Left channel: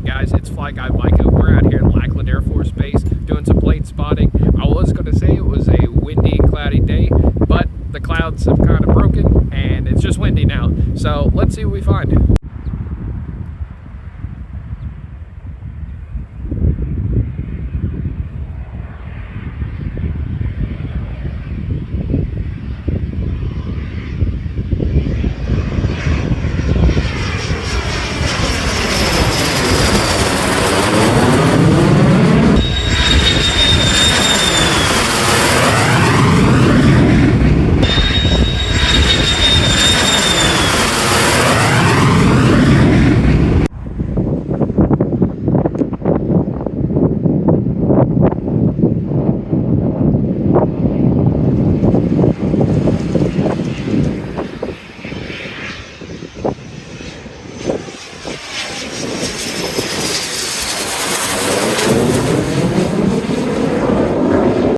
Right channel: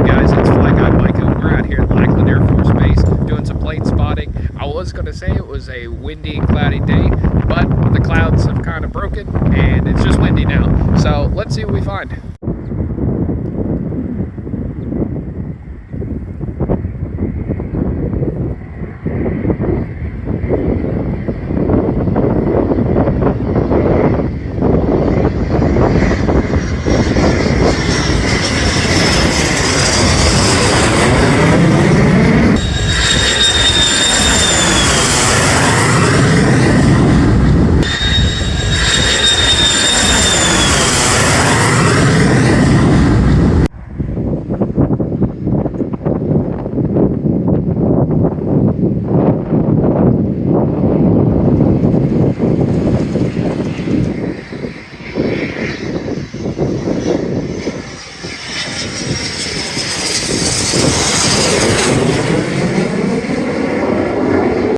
up, guys? It's FlyGuy Micah. We're out here at Lackland Air Force Base doing some plane spotting. I was going to say it was a windy, cloudy day, but the clouds have kind of broken and it's just windy now. So let's see what we find.